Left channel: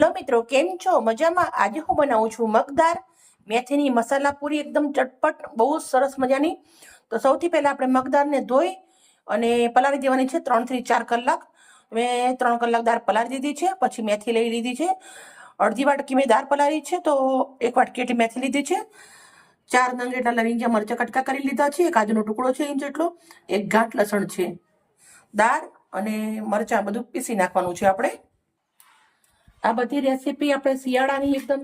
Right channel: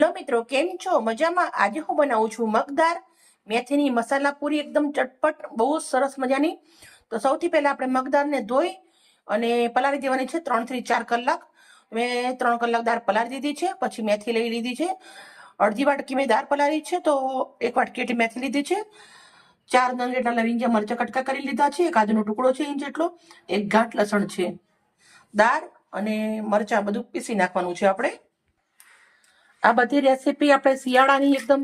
Hello મિત્રો, કેમ છો? મજામાં? આજે હું બનાવું છું મગદાર મેથીની મસાલા પૂરી, એકદમ ચટપટ, બહુ સરસ મજાની. તો સૌથી પહેલા આપણે મગદારને ધોઈ અને પલાળી દેવાની છે 3 થી 4 કલાક. મેં 3 કલાક દાળ પલાળી દીધી છે. પછી મેથી લઈ લીધી છે, અડધી વાટકી મેં દાળ પલાળી છે, તો 1 વાટકી એટલી મેથી લીધી છે. 4 નંગ એટલા લવિંગિયા મરચાં કટકા કરી લીધા છે. એક આદુનો ટુકડો છે ઇંચ જેટલો, એક ગાંઠ લસણ છે. દાળ અને મરચાં બધું પીસી નાખવાનું છે આપણે. આ બધી રેસીપી આપણે શિયાળાની એકદમ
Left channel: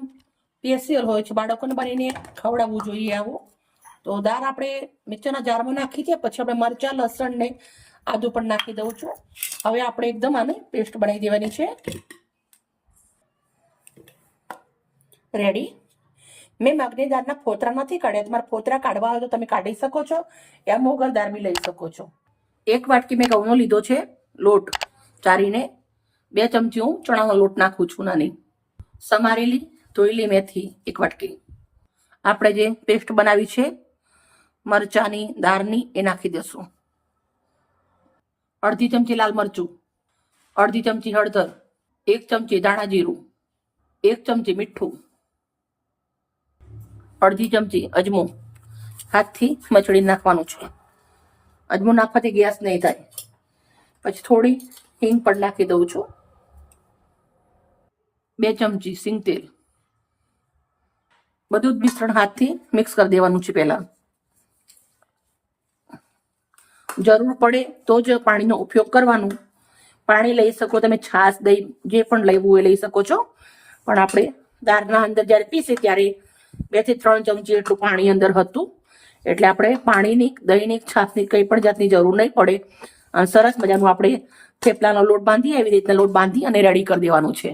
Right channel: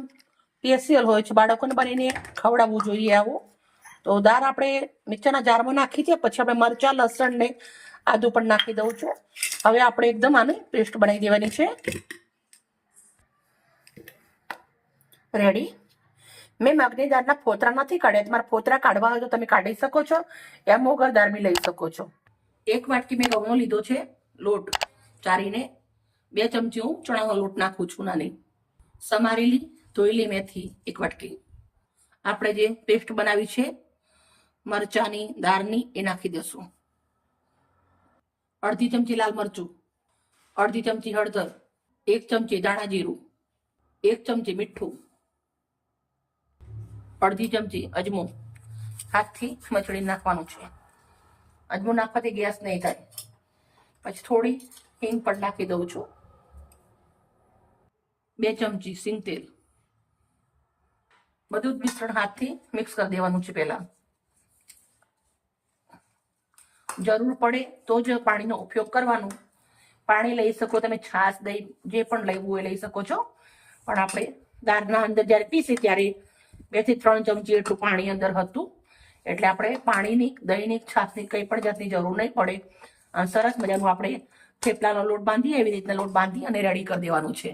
સ્પેશિયલ હોય છે, બાળકોને બનીને ખવડાવવું જોઈએ આવું. તો દાળ આપણે મિક્સરના જારમાં નાખી છે, પછી આપણે મરચાં લસણ ને આદુ પણ નાખી દઉં છું. હવે આપણે એકદમ આની પેસ્ટ બનાવી દેવાની છે. રેડી. મેં મગની દાળના ફોતરા નથી કાઢ્યા, તમારે ફોતરા કાઢવા હોય તો તમે કાઢી શકો છો, યા મોગર દાળ બી લઈ શકો છો. 1 વાટકી મેં ઘઉંનો લીધો છે લોટ ચારીને. 2 ચમચી હું ચણાનો લોટ નાખું છું નાની. સમારેલી ધોયેલી મેથી 1 વાટકી. આપણે જે પેસ્ટ બનાવી છે મરચાની દાળની એ નાખી દઈશું. અડધી ચમચી લાલ મરચું, અડધી ચમચી હળદર, 1 ચમચી ધાણા જીરું, 1 ચમચી મીઠું, અડધી ચમચી અજમો. હાથથી મચડી નાખવાનું છે. અજમો નાખવાથી ગેસ નહીં થાય. પછી થોડી હિંગ પણ નાખી દઉં છું. 2 ચમચી સિંગ તેલ. બધું જ મિશ્રણ હાથથી મિક્સ કરી દેવાનું છે. પહેલા જરૂર પડે તો જ પાણીનો ઉપયોગ કરવાનો. પાણી લઈ શકો તમે, છાશ દહીં જે પણ લેવું એ લઈ શકો છો. પણ આપણે દાળના અંદર જ્યારે પીસી ત્યારે 2 થી 3 ચમચી એટલું પાણી અંદર હતું, એટલે આપણે પાણીની દહીંની છાશની કંઈ પણ જાતની જરૂર નહીં પડે. અને સરસ મજાનું આપણે થેપલાનો લોટ બાંધી એવી રીતના લોટ બાંધી અને રેડી કરી દેવાનું છે.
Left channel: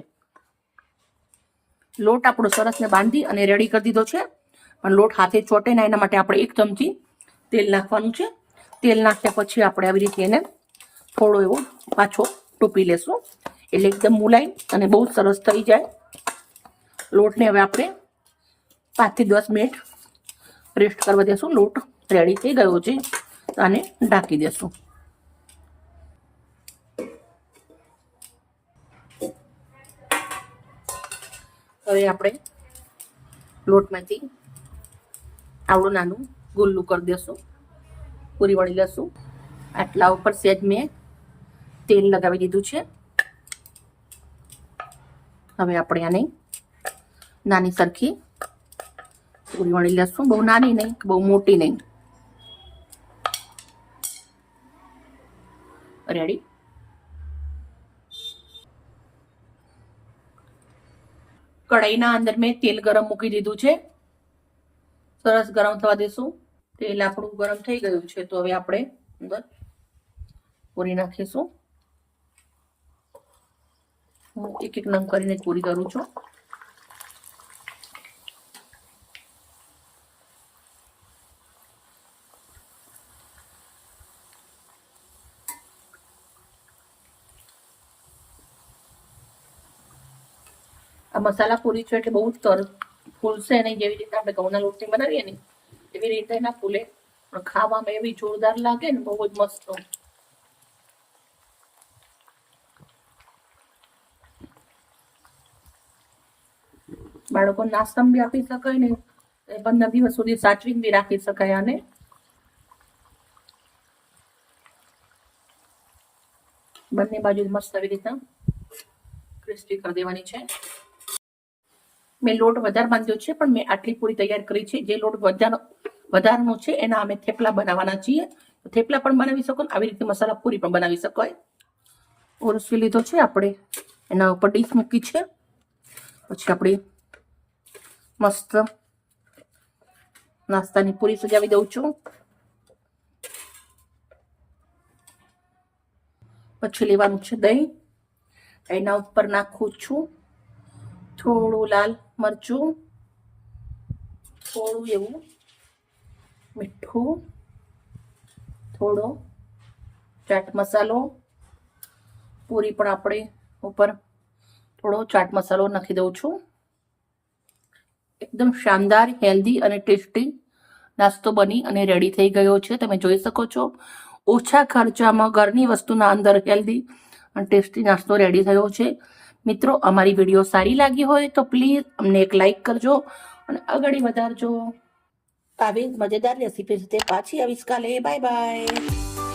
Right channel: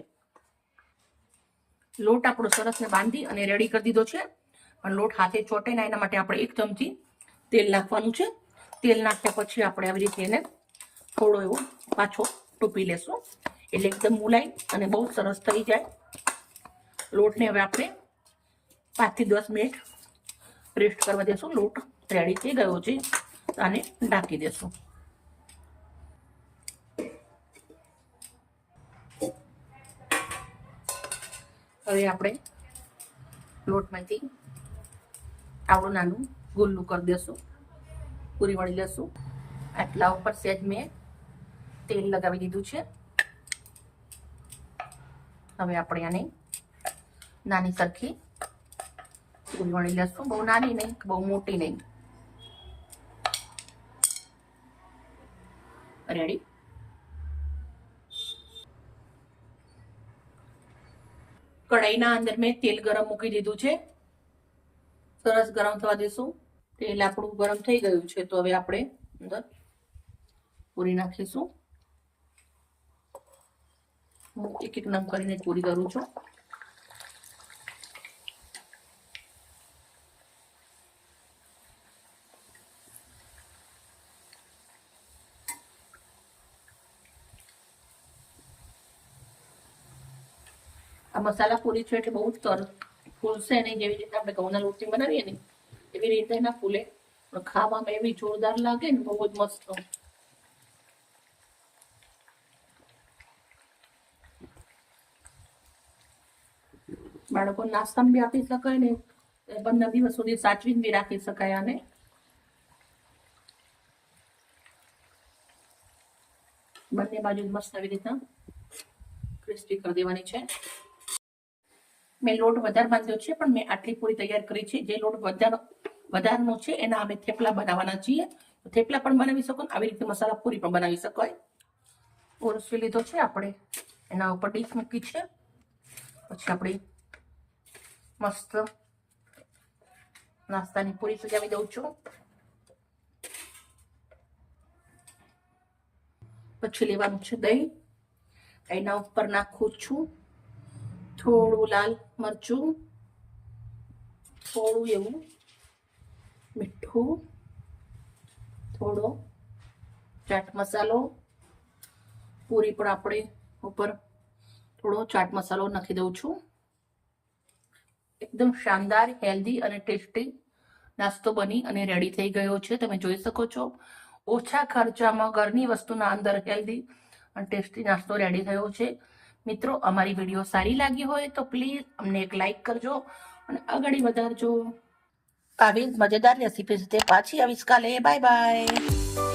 લોટ આપણો સરસ ને બાંધી અને રેડી કરી દીધો છે, પણ લોટ હાથે ચોટે ના એના માટે આપણે 1 ચમચી તેલ નાખવાનું છે. તેલ નાખ્યા પછી આપણે આવી રીતે એને થોડો એવો પાછો ટૂંપી લેશું, એટલે એકદમ મુલાયમ અને બહુ સરસ થઈ જાય. લોટને હવે આપણે 5 થી 10 મિનિટ રેસ્ટ કરવા દેશું. લોટ રેડી થઈ ગયો છે, આને ઢાંકી દેશું. હવે આપણે લોટમાંથી આવડું નાનું ગુલ્લું કરી દેશું, પૂરી વળી લેશું. આટલા ઉપર સહેજ મેં તેલ લગાવી દીધું છે. હવે આપણે આને નાની સરખી પૂરી વળી લેશું. બહુ નાની નહીં, બહુ મોટી નહીં. રેડી. કઢાઈના અંદર મેં તેલ ગરમ મૂકી દીધું છે. સરસ ગરમ થવા દેશું. તેલ આપણું ગરમ થઈ ગયું છે, તો હવે આપણે અંદર પૂરી નાખીશું. હું 1 નંગ કરીને પૂરી કરું છું. આ મસાલા પૂરી છે એટલે બહુ જ ફૂલશે નહીં. જેવી રીતે આપણે ઘઉંના લોટની બનાવીએ ને એવી રીતે ના ફૂલે, પણ ખાવામાં એવી જોરદાર લાગે ને, બહુ જ મસ્ત. બાળકો નાસ્તામાં બી આપી શકાય ને, 15 દિવસ સુધી સાચવીને બી રાખી શકાય. આને બંને બાજુ મસ્ત આવી રીતના ક્રિસ્પી કરી દેવાની છે. મેં લોટ વધારે બાંધ્યો છે, પણ મેં આટલી પૂરી તૈયાર કરી છે. જે લોટ વધારનો છે એના અમે થેપલા બનાવવાના છીએ. થેપલા પણ બનાવી શકો, આવી રીતે મસાલા પૂરી પણ બનાવી શકાય. ઓરસી લીધો છે આપણે, એના ઉપર ડીશ મૂકી છે. પછી આપણે મસ્ત નાસ્તાની પૂરી સજાવી દઉં છું. પછી લેવાનું છે દહીં. એના ઉપર નાખું છું થોડું લાલ મરચું, થોડું એવું મીઠું, થોડો ચાટ મસાલો. પૂરી પણ આપણે ઉપર થોડો ચાટ મસાલો નાખી દઉં છું. એકદમ શાનદાર, હેલ્ધી અને ટેસ્ટી નાસ્તો બની અને રેડી થઈ ગયો છે. તમે જોઈ શકો છો, ઓછા ખર્ચામાં ઘરની વસ્તુના અંદર હેલ્ધી અને ટેસ્ટી નાસ્તો રેડી થયો છે. મિત્રો અમારી વિડીયો સારી લાગી હોય તો પ્લીઝ અમને એક લાઈક કરજો અને આગળ વધારજો. આવી મજેદાર રેસીપી સાથે પાછી આવીશ કાલે. Bye bye.